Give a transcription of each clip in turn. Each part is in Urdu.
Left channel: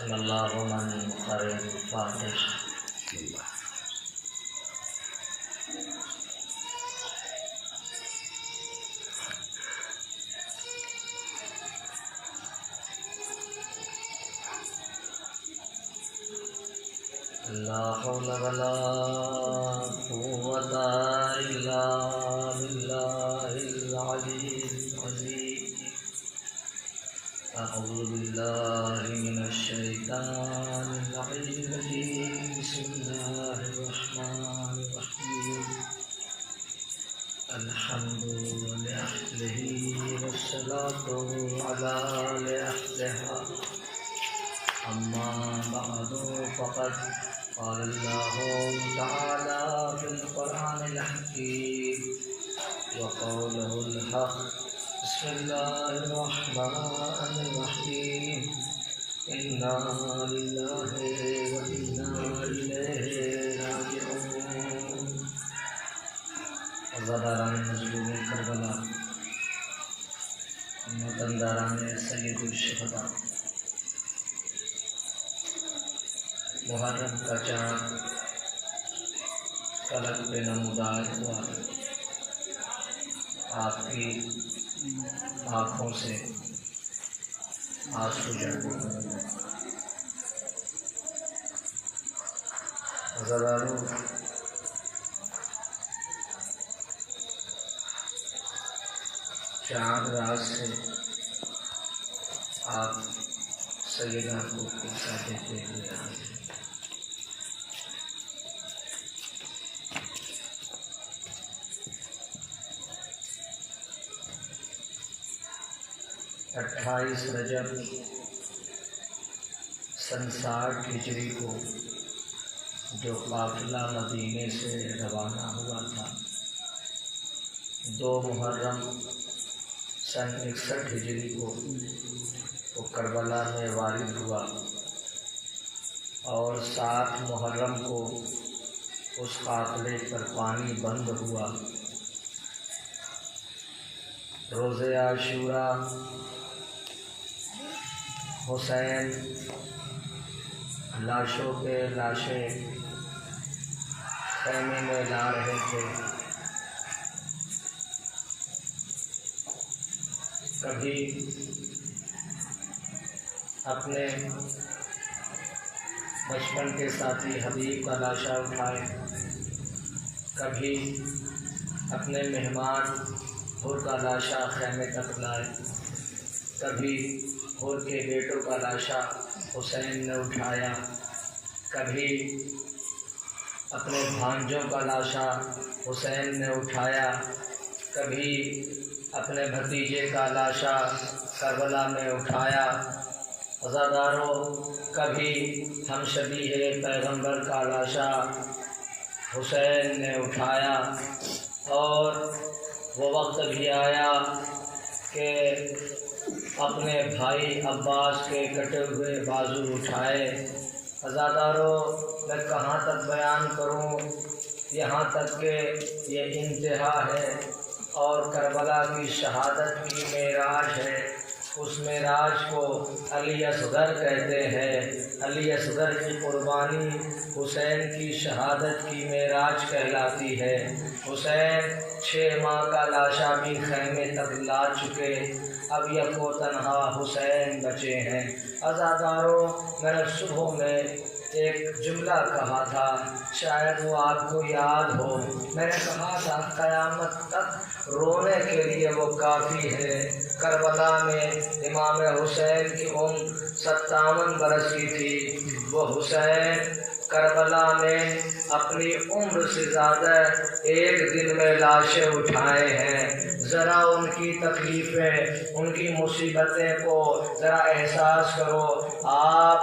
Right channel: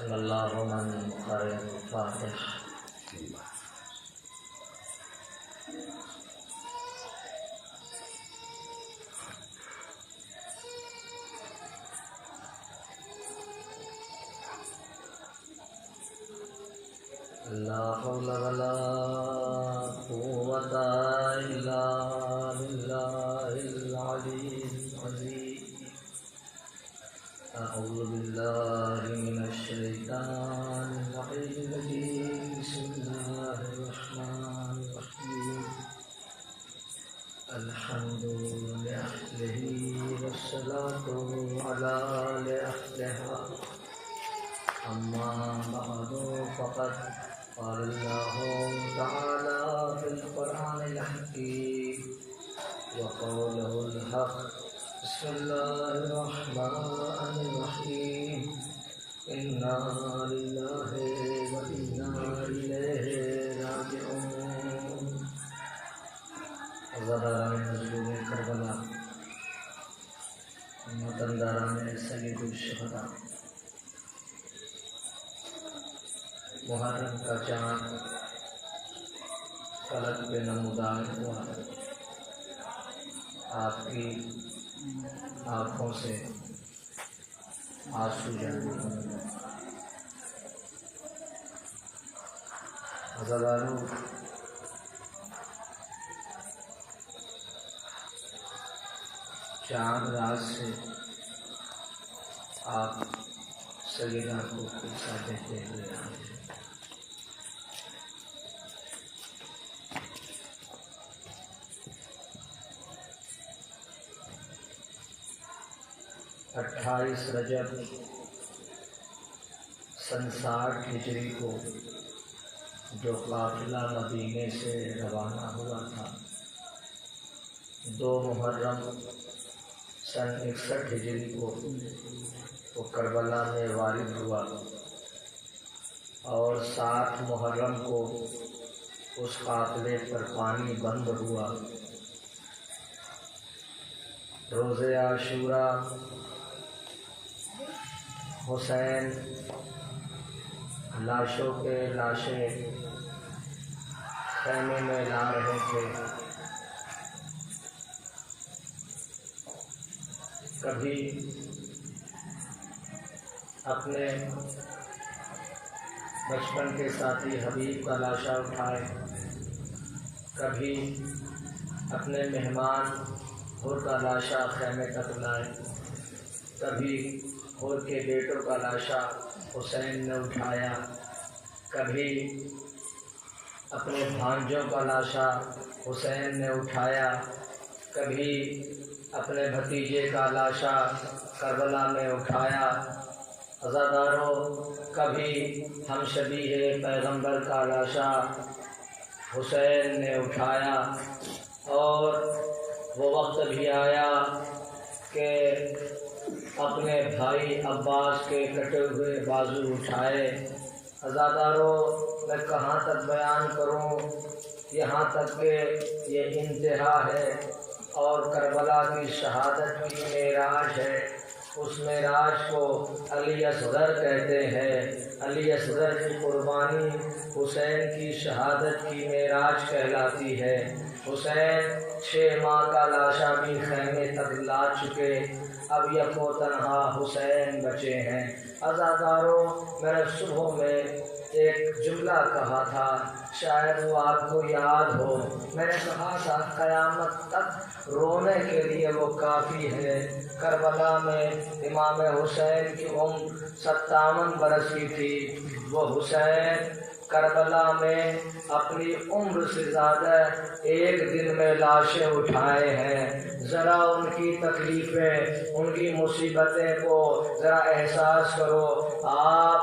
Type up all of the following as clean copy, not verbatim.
بسم اللہ من قرئ الفاتح. لا حول ولا قوة إلا بالله العلي العظيم. أعوذ بالله من الشيطان الرجيم. بسم الله الرحمن الرحيم. الحمد لأهله والصلاة على لأهلها. أما بعد فقد قال الله تعالى في القرآن الحكيم وقوله الحق. بسم الله الرحمن الرحيم. إنا لله وإنا إليه راجعون. عزاداران مظلوم کربلا، ماتمداران سید الشہداء، محرم کا چاند فلک پہ نمودار ہوا. آپ کی آنکھوں سے آنسو جاری ہوئے. عزادارو، چاند رات سے آپ سیدہ کو قصہ دیتے ہوئے آئے. 28 رجب سن 60 ہجری کو جو قافلہ مدینے سے روانہ ہوا تھا، 2 محرم سن 61 ہجری کو وہ کربلا میں وارد ہوا، اور 7 محرم کو اس قافلے پر پانی بند ہوا. روز عاشوراء حسین لاشوں پہ لاشیں خیمے میں لا رہے تھے. کبھی اپنے بچپن کے ساتھی حبیب کا لاشا اٹھائے، کبھی اپنے مہمان حر کا لاشا خیمے تک لائے، کبھی حر کے بیٹوں کا لاشا حسین نے اٹھایا، کبھی اپنے بھانجوں کا لاشا حسین نے اٹھایا، کبھی اپنے بھتیجے کا لاشا کربلا میں اٹھایا. عزاداروں، کبھی ہم شبیہ پیغمبر کا لاشا حسین نے اٹھایا. اور وہ وقت بھی آیا کہ اپنے بھائی عباس کے کٹے ہوئے بازو اٹھائے. عزاداروں، میں کہاں تک بیان کروں، یہاں تک کہ یہ انتہا ہے اور کربلا کی شہادت کی معراج ہے. اس معراج کو علی اصغر کہتے ہیں. علی اصغر کی قربانی حسین کی شہادت کی معراج کہلاتی ہے. حسین 6 ماہ کا لاشا بھی خیمے تک لا چکے، اب یکو تنہا حسین بچے ہیں. عزاداروں، میں نے صبح میں ایک جملہ کہا تھا، شاید وہ آپ کو یاد ہو. میں نے کہا تھا قیامت تک رونے کے لیے وہ کافی ہے. کربلا میں امام حسین کی عمر 57 برس کی تھی. وہ حسین کربلا میں اپنی عمر سے زیادہ ایک دن میں لاشیں اٹھائے ہیں. ذرا ان کی تکلیفیں، ان کی مصیبتیں کو ذرا احساس کرو. آپ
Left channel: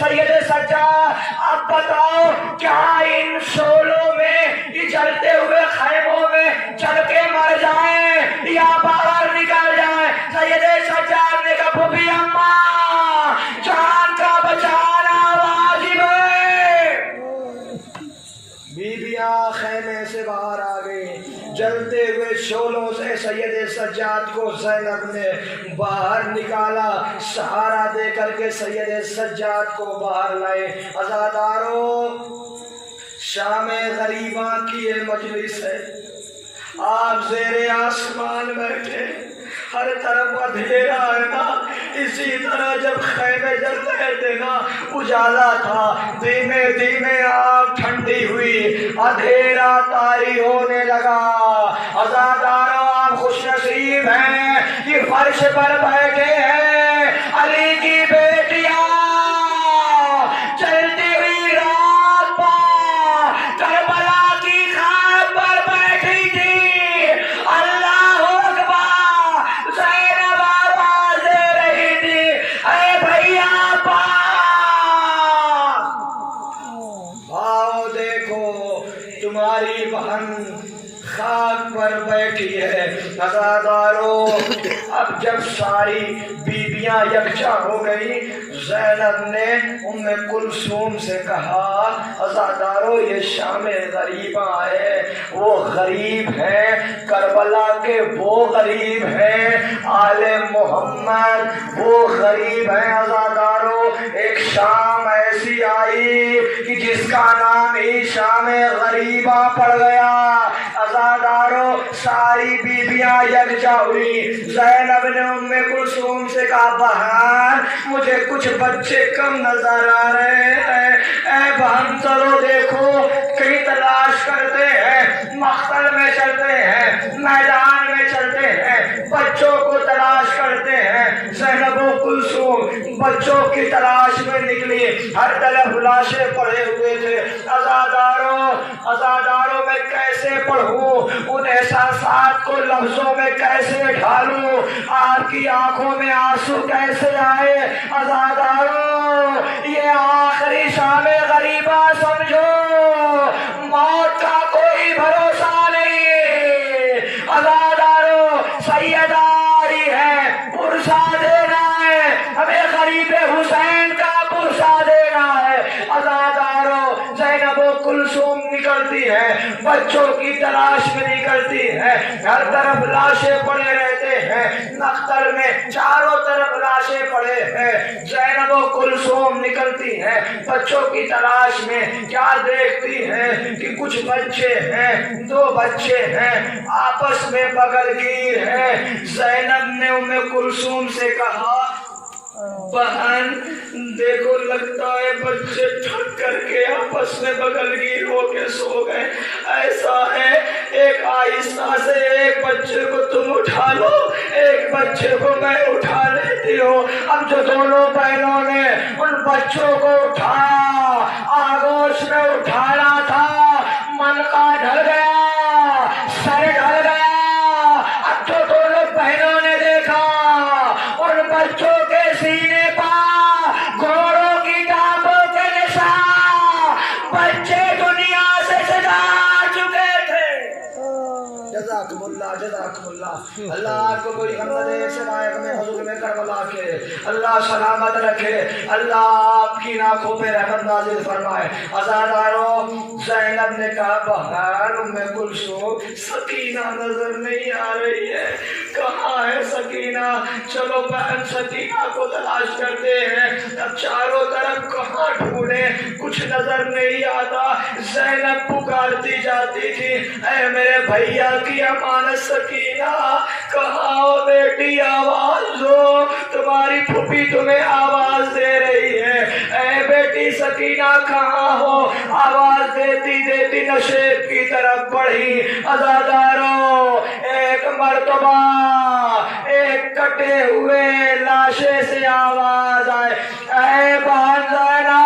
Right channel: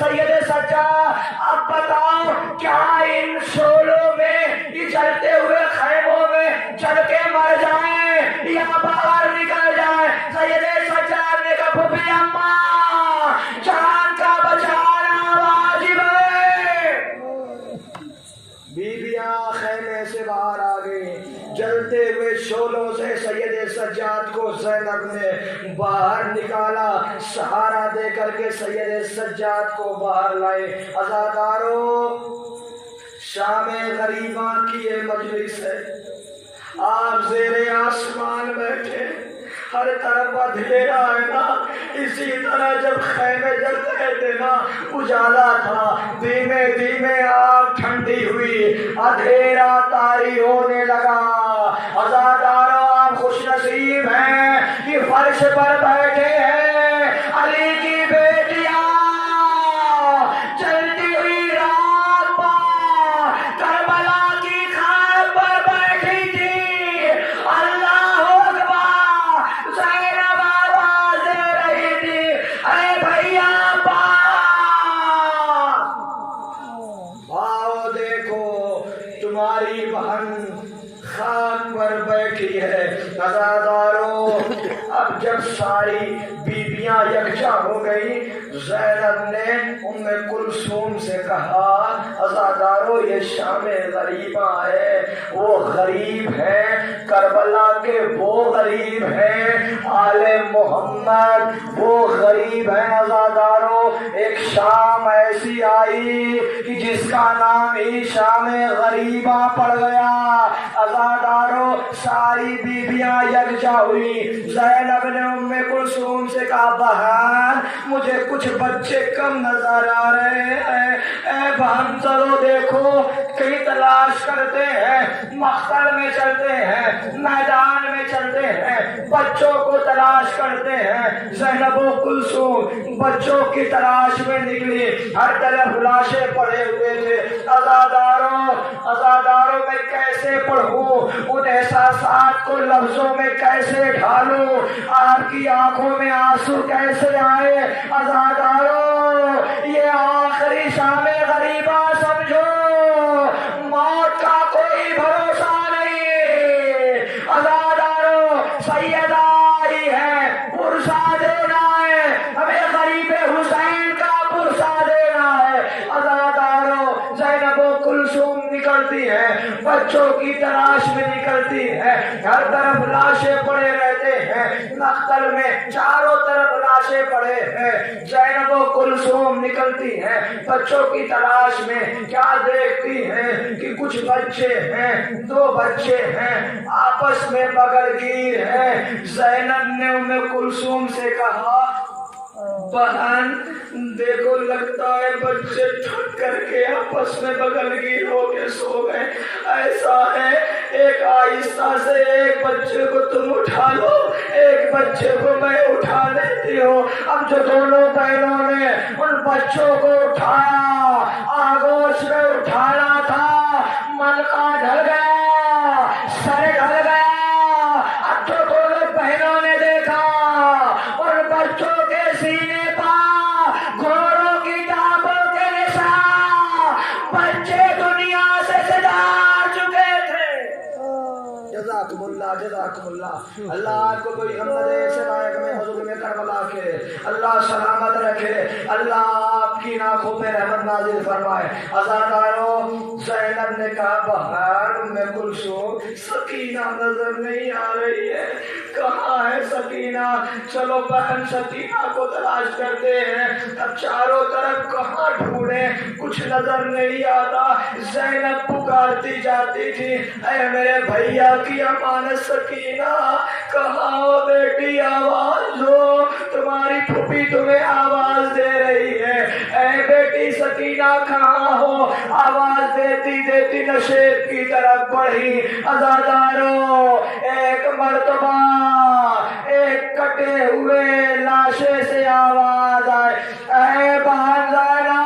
سید سجاد اب بتاؤ کیا ان شعلوں میں جلتے ہوئے خیموں میں چڑھ کے مر جائیں یا باہر نکل جائیں؟ سید سجاد نے کہا پھوپھی اماں جان کا بچانا واجب ہے۔ بیویاں خیمے سے باہر آ گئی، جلتے ہوئے شعلوں سے سید سجاد کو زینب نے باہر نکالا، سہارا دے کر کے سید سجاد کو باہر لائے۔ عزادارو، شام غریبہ کی یہ مجلس ہے، آپ زیر آسمان بیٹھے، ہر طرف اندھیرا ہے نا، اسی طرح جب خیمے جلتے تھے نا اجالا تھا، دھیمے دھیمے آگ ٹھنڈی ہوئی، اندھیرا طاری ہونے لگا۔ عزادارو، آپ خوش نصیب ہیں کہ فرش پر بیٹھے ہیں علی کی بیٹیاں چلتی ہوئی رات پر کربلا کی خاک پر بیٹھی تھی۔ اللہ اکبر، زینب آواز دے رہی تھی، اے بھیا آؤ دیکھو تمہاری بہن خاک پر بیٹھی ہے۔ عزادارو، اب جب ساری بیویاں یکجا ہو گئی، زینب نے ام کلثوم سے کہا عزادارو یہ شام غریبہ ہے، وہ غریب ہیں کربلا کے، وہ غریب ہیں آل محمد، وہ غریب ہیں۔ عزادارو، ایک شام ایسی آئی کہ جس کا نام ہی شام غریبہ پڑ گیا۔ عزادارو، ساری بیویاں یکجا ہوئی، زینب نے ام کلثوم سے کہا بہن مجھے کچھ بچے کم نظر آ رہے ہیں، اے بہن چلو دیکھو، کہیں تلاش کرتے ہیں، مقتل میں چلتے ہیں، میدان میں چلتے ہیں، بچوں کو تلاش کرتے ہیں۔ زینب و کلثوم بچوں کی تلاش میں نکلی، ہر طرف لاشیں پڑے ہوئے تھے۔ عزادارو میں کیسے پڑھوں، ان احساسات کو لفظوں میں کیسے ڈھالوں، آپ کی آنکھوں میں آنسو کیسے آئے؟ عزادارو، یہ آخری شام غریبہ سمجھو، موت کا کوئی بھروسہ نہیں۔ عزادارو، سیدہ آئی ہے، پرسہ دینا ہے، ہمیں غریب حسین کا پرسہ دینا ہے۔ عزادارو، زینب و کلثوم نکلتی ہے، بچوں کی تلاش میں نکلتی ہے، ہر طرف لاشیں پڑے رہتے ہیں، مقتل میں چاروں طرف لاشیں پڑے ہیں۔ زینب و کلثوم نکلتی ہے بچوں کی تلاش میں، کیا دیکھتی ہے کہ کچھ بچے ہیں، دو بچے ہیں، آپس میں بغل گیر ہیں۔ زینب نے ام کلثوم سے کہا بہن دیکھو لگتا ہے بچے تھک کر کے آپس میں بغل گیر ہو کے سو گئے، ایسا ہے ایک آہستہ سے ایک بچے کو تم اٹھا لو، ایک بچے کو میں اٹھا لیتی ہوں۔ اب جو دونوں بہنوں نے ان بچوں کو اٹھایا، آگوش میں اٹھانا تھا، من کا ڈھل گیا، سر ڈھل گیا۔ اب جو دونوں بہنوں نے دیکھا ان بچوں کے سینے پر گھوڑوں کی ٹانگوں کے نشان، بچے دنیا سے سجا چکے تھے۔ جزاکم اللہ، جزاکم اللہ۔ اللہ آپ کو کوئی غم دے سوائے میں حضور میں کربلا کے، اللہ سلامت رکھے، اللہ آپ کی آنکھوں پہ رحمت نازل فرمائے۔ عزادارو، زینب نے کہا بہن ام کلثوم سکینہ نظر نہیں آ رہی ہے، کہاں ہے سکینہ؟ چلو بہن سکینہ کو تلاش کرتے ہیں۔ اب چاروں طرف کہاں ڈھونڈیں، کچھ نظر نہیں آتا۔ زینب پکارتی جاتی تھی اے میرے بھیا کی امانت سکینہ کہاں ہو بیٹی، آواز دو، تمہاری پھوپھی تمہیں آواز دے رہی ہے، اے بیٹی سکینہ کہاں ہو؟ آواز دیتی دیتی نشیب کی طرف بڑھی۔ عزادارو، ایک مرتبہ ایک کٹے ہوئے لاشے سے آواز آئے، اے بہن زینب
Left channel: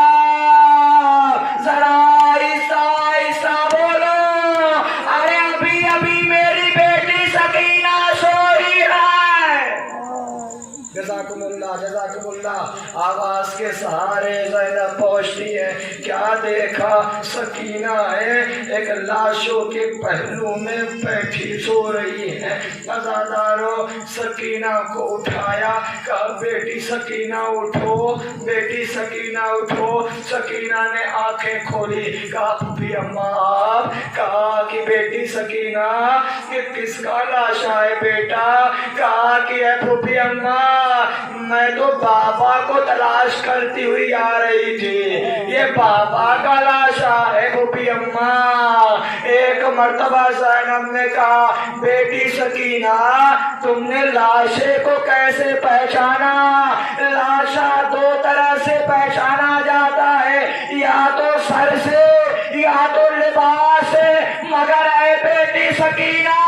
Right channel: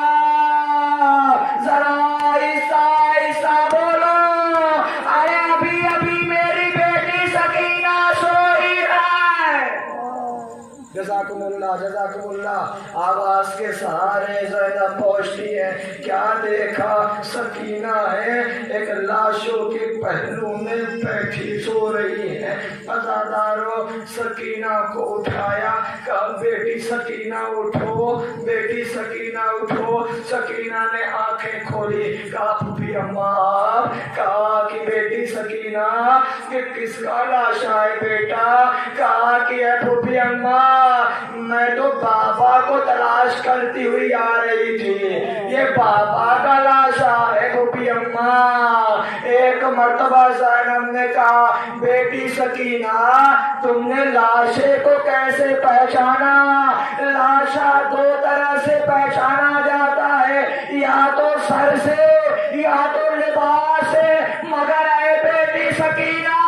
ذرا آہستہ آہستہ بولو، ارے ابھی ابھی میری بیٹی سکینہ سوئی ہے۔ جزاکم اللہ، جزاکم اللہ۔ آواز کے سہارے زینب پہنچتی ہے. کیا دیکھا؟ سکینہ ہے ایک لاشوں کے پہلو میں بیٹھی سو رہی ہے. عزادارو سکینہ کو اٹھایا، کہا بیٹی سکینہ اٹھو، بیٹی سکینہ اٹھو. سکینہ نے آنکھیں کھولی، کہا پھوپھی اماں. کہا کہ بیٹی سکینہ کہ کس کا لاشا ہے بیٹا؟ کہا کہ اے پھوپھی اماں میں تو بابا کو تلاش کرتی ہوئی آ رہی تھی، یہ بابا کا لاشا ہے پھوپھی اماں. ایک مرتبہ زینب نے کہا بیٹی سکینہ تم نے لاشے کو کیسے پہچانا؟ لاشا دو طرح سے پہچانا جاتا ہے، یا تو سر سے یا تو لباس سے، مگر اے بیٹی سکینہ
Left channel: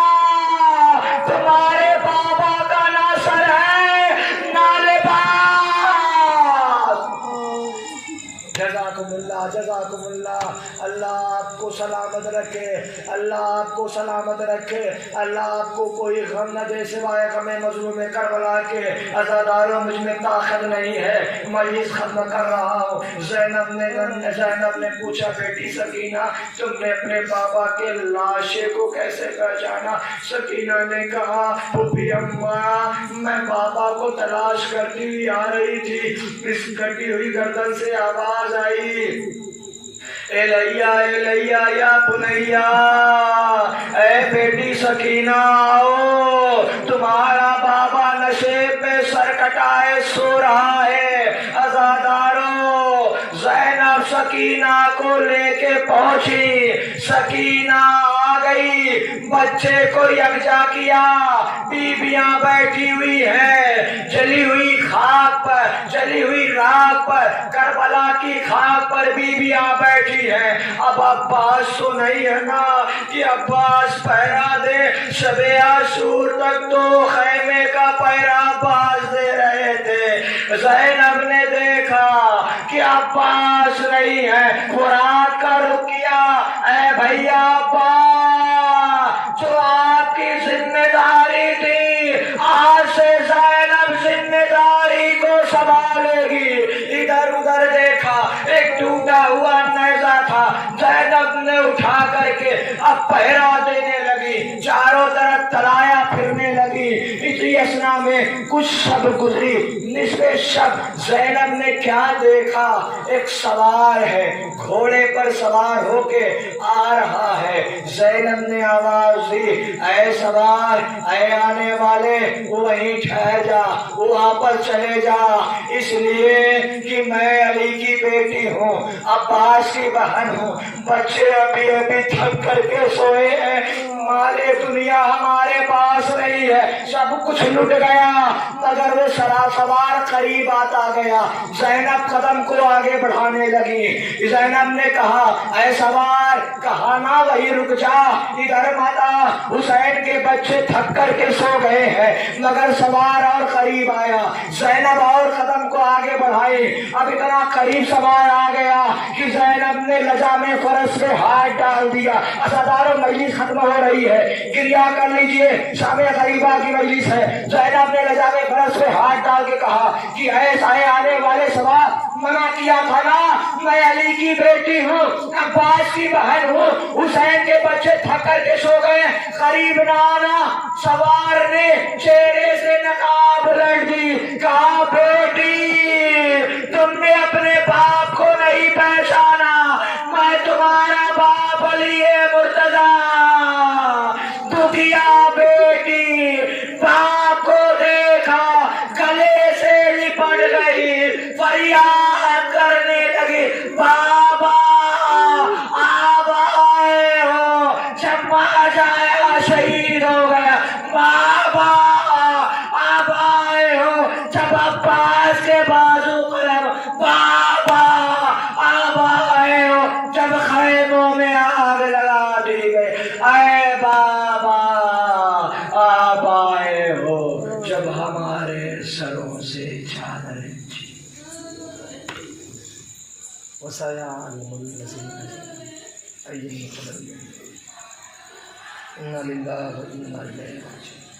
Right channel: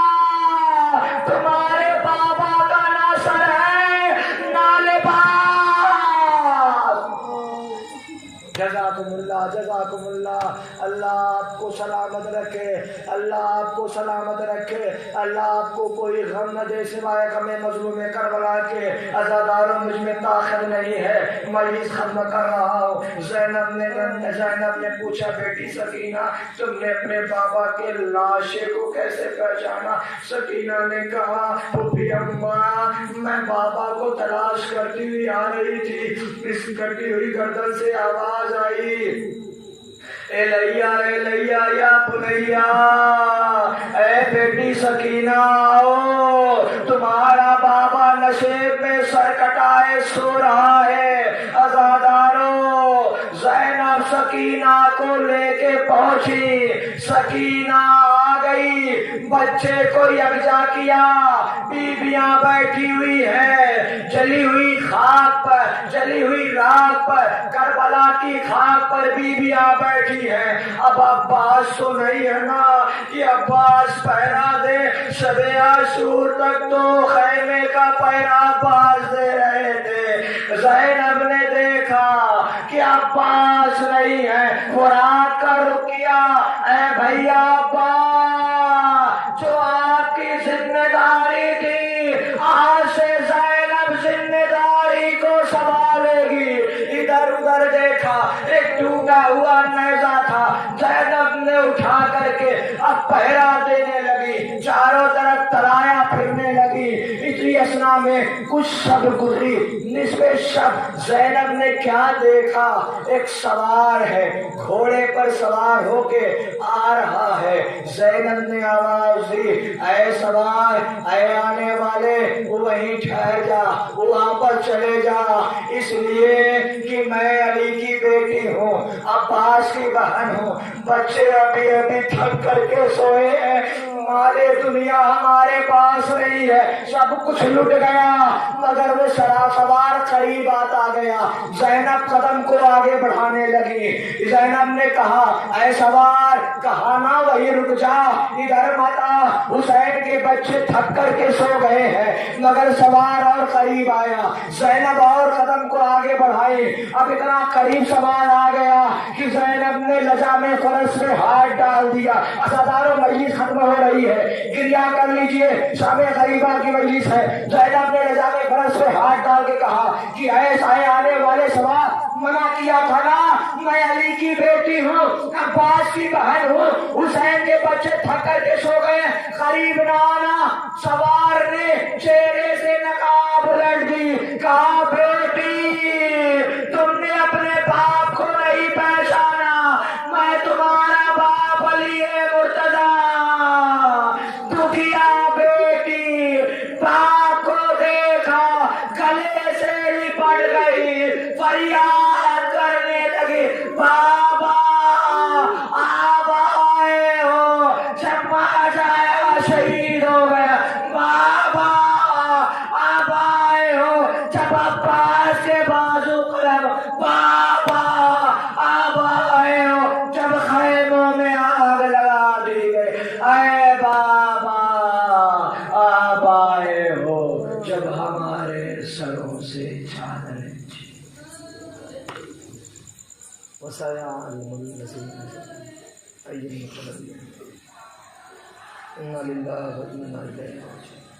تمہارے بابا کا نہ سر ہے نہ لباس. جزاکم اللہ جزاکم اللہ. اللہ آپ کو سلامت رکھے، اللہ آپ کو سلامت رکھے، اللہ آپ کو کوئی غم نہ دے سوائے غم مظلوم کربلا کے. عزاداروں مجھ میں طاقت نہیں ہے، مجلس ختم کر رہا ہوں. زینب نے پوچھا بیٹی سکینہ تم نے اپنے بابا کے لاشے کو کیسے پہچانا؟ سکینہ نے کہا پھوپھی اماں میں بابا کو تلاش کرتی ہوئی آ رہی تھی، اس کٹی ہوئی گردن سے آواز آئی ایلیا ایلیا یا بنیا، اے بیٹی سکینہ آؤ، تمہارا بابا نشیب میں سر کٹائے سو رہا ہے. عزادارو زینب سکینہ کو لے کے پہنچی. سکینہ آ گئی، بچے کو یکجا کیا، بیویاں بیٹھی ہوئی ہے جلی ہوئی خاک پر، جلی ہوئی راکھ پر، کربلا کی خاک پر بیویاں بیٹھی ہیں. اب عباس تو نہیں ہے نا کہ عباس پہرا دے، شب عاشور تک تو خیمے کا پہرا عباس دے رہے تھے. زینب نے دیکھا کہ عباس نہیں ہے، فرات کا رخ کیا، اے بھیا عباس جو آپ کی ذمہ داری تھی آج سے زینب ذمہ داری کو سنبھالے گی. ادھر ادھر دیکھا، ایک ٹوٹا ہوا نیزہ تھا، زینب نے اٹھا کر کے اب پہرا دینے لگی، چاروں طرف تلایا پھرنے لگی. اسی اسنا میں کچھ شب گزری، نصف شب. زینب نے کیا دیکھا؟ ایک سوار ہے، گھوڑے پر سوار ہو کے آ رہا ہے. زینب نے آواز دی اے سوار، اے آنے والے وہیں ٹھہر جا، وہاں پر چلے جا، اس لیے کہ میں علی کی بیٹی ہوں، عباس کی بہن ہوں. بچے ابھی ابھی تھک کر کے سوئے ہیں، مال دنیا ہمارے پاس نہیں ہے، سب کچھ لٹ گیا. مگر وہ سوار قریب آتا گیا. زینب قدم کو آگے بڑھانے لگی. زینب نے کہا اے سوار کہا نہ وہی رک جا، ادھر مت آ، حسین کے بچے تھک کر کے سو گئے ہیں. مگر سوار اور قریب آیا. زینب اور قدم کو آگے بڑھائی. اب اتنا قریب سوار آ گیا کہ زینب نے لجام فرس پہ ہاتھ ڈال دیا. عزادارو مجلس ختم ہو رہی ہے، گریہ کر لیجئے، شام غریبہ کی مجلس ہے. زینب نے لجام فرس پہ ہاتھ ڈال کے کہا کہ ایسا آنے والے سوار منع کیا تھا نا، میں علی کی بیٹی ہوں، عباس کی بہن ہوں، حسین کے بچے تھک کر کے سو گئے، قریب نہ آنا. سوار نے چہرے سے نقاب الٹ دی، کہا بیٹی تم نے اپنے باپ کو نہیں پہچانا، میں تمہارا باپ علی مرتضیٰ. دکھیا بیٹی باپ کو دیکھا، گلے سے لپٹ گئی، فریاد کرنے لگی بابا آپ آئے ہو جب ماں جایا شہید ہو گیا، بابا آپ آئے ہو جب عباس کے بازو قلم، بابا آپ آئے ہو جب خیموں میں آگ لگا دی گئی، اے بابا آپ آئے ہو جب ہمارے سروں سے چادریں وسيعلم الذين أي المنقلبين إنا لله وإنا إليه راجعون.